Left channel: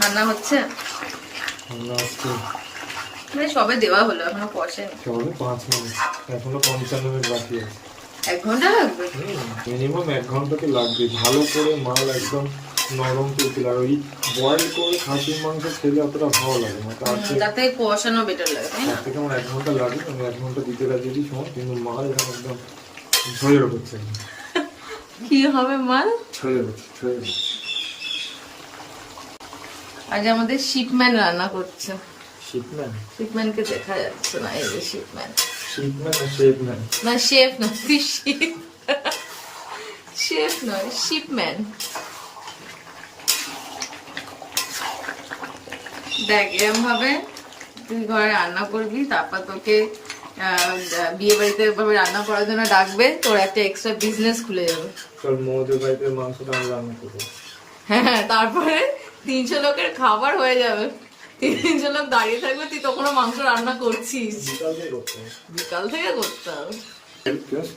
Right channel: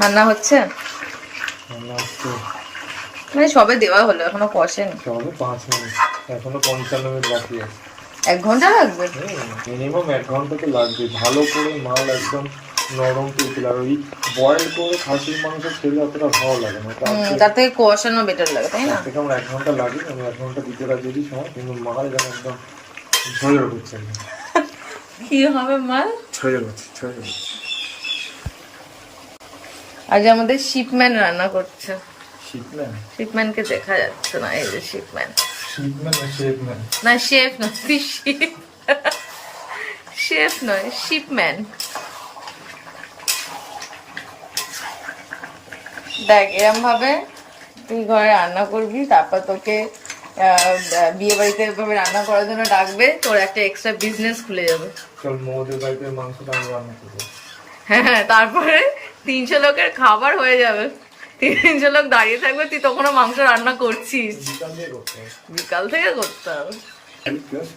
রান্না হচ্ছে মানে সবে দেওয়া হলো, এখনো কষেনি। সবে 5 মিনিট, এখনো 55 মিনিট বাকি আছে। 1 ঘন্টা লাগবে? মিনিমাম 1 ঘন্টা তো লাগবে। ভালো করে মাল একদম নরম তুলতে। আর ওই বয়েল করে খাসির মাংস খেলে অতটা ভালো লাগে না, তার থেকে কষানো বেটার লাগে, তাই না? তার থেকে আমার 1 ঘন্টা লাগে। আমি 1 ঘন্টা দিতে রাজি আছি সময়, কিন্তু মাল যেন একদম ঝরঝর করছে। কি হবে মাল? ঝরঝর করছে। আজ আমাদের শিপম্যান রান্না করছে। শিপম্যান? শিপম্যানকে দেখা যাচ্ছে না, এই যে শিপম্যান। শিপম্যান না শেফম্যান? না শেফ না, তুই শিপ। শেফ নয়, শিপম্যান। দেখ এরম ভাবে তুই ঘরে রান্না করবি, তারপর তোকে বিয়ে বাড়িতে এভাবে রান্না করার জন্য ডাকবে, তোর একটা এক্সট্রা বিজনেস খুলে যাবে। চল মোদের বাড়িতে মাংসটা আমি রান্না করবো। হ্যাঁ, তারপরে 300 লোকের খাবার হয়ে যাবে। 300 লোক দাঁড়িয়ে থাকবে, তুই তখনও মাংস রান্না করছিস। বিকাল থেকে করতে হবে।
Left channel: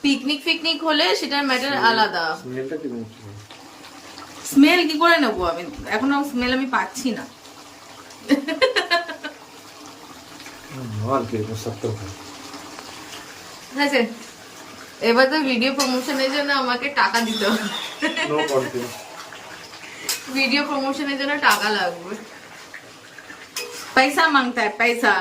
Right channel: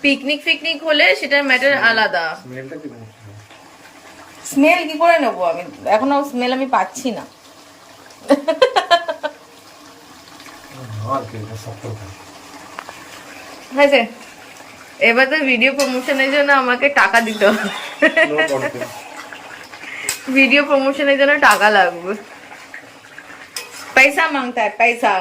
পিকনিক ফিকনিক হলে সেটার ম্যাটার আলাদা। স্মেল কি করে নেবো আমি? এখনো স্মেল আমি পাচ্ছি না। আচ্ছা, এবার তো ভিডিও প্রমোশনের জন্য আমাকে টাকা দিতে হবে। ভিডিও প্রমোশনের জন্য টাকা লাগবে। পয়সা মাংতা है পয়সা।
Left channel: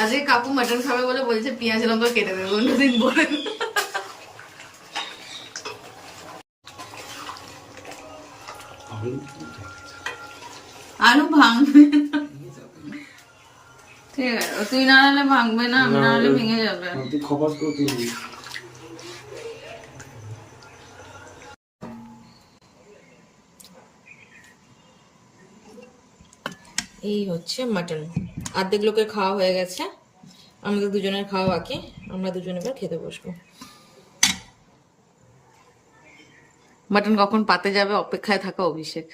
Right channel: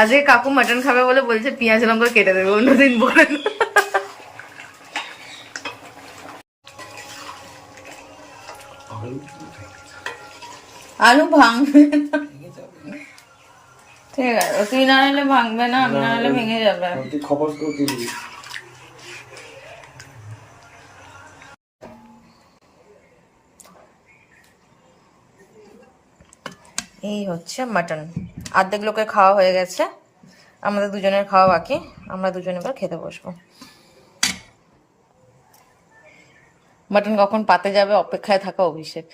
আজকে কাকু মটন খাবে বলে বলছে পেঁয়াজ লঙ্কা কেটে দেবে, অন্যদিন বলে না। আলু ভাঙবে না। ঠিক আছে, তুই না হলে ভাঙবে না, আমি না হলে ভেঙে যাবে। এই হচ্ছে মাটন। অর্ধেক লোকের খাওয়া হয়ে গেছে, আমাদের দুজনের খাওয়া বাকি। আমরা দুজন এবার খেতে বসবো। মাটন কখন পাতে যাবে অপেক্ষায় থাকা অভিষেক।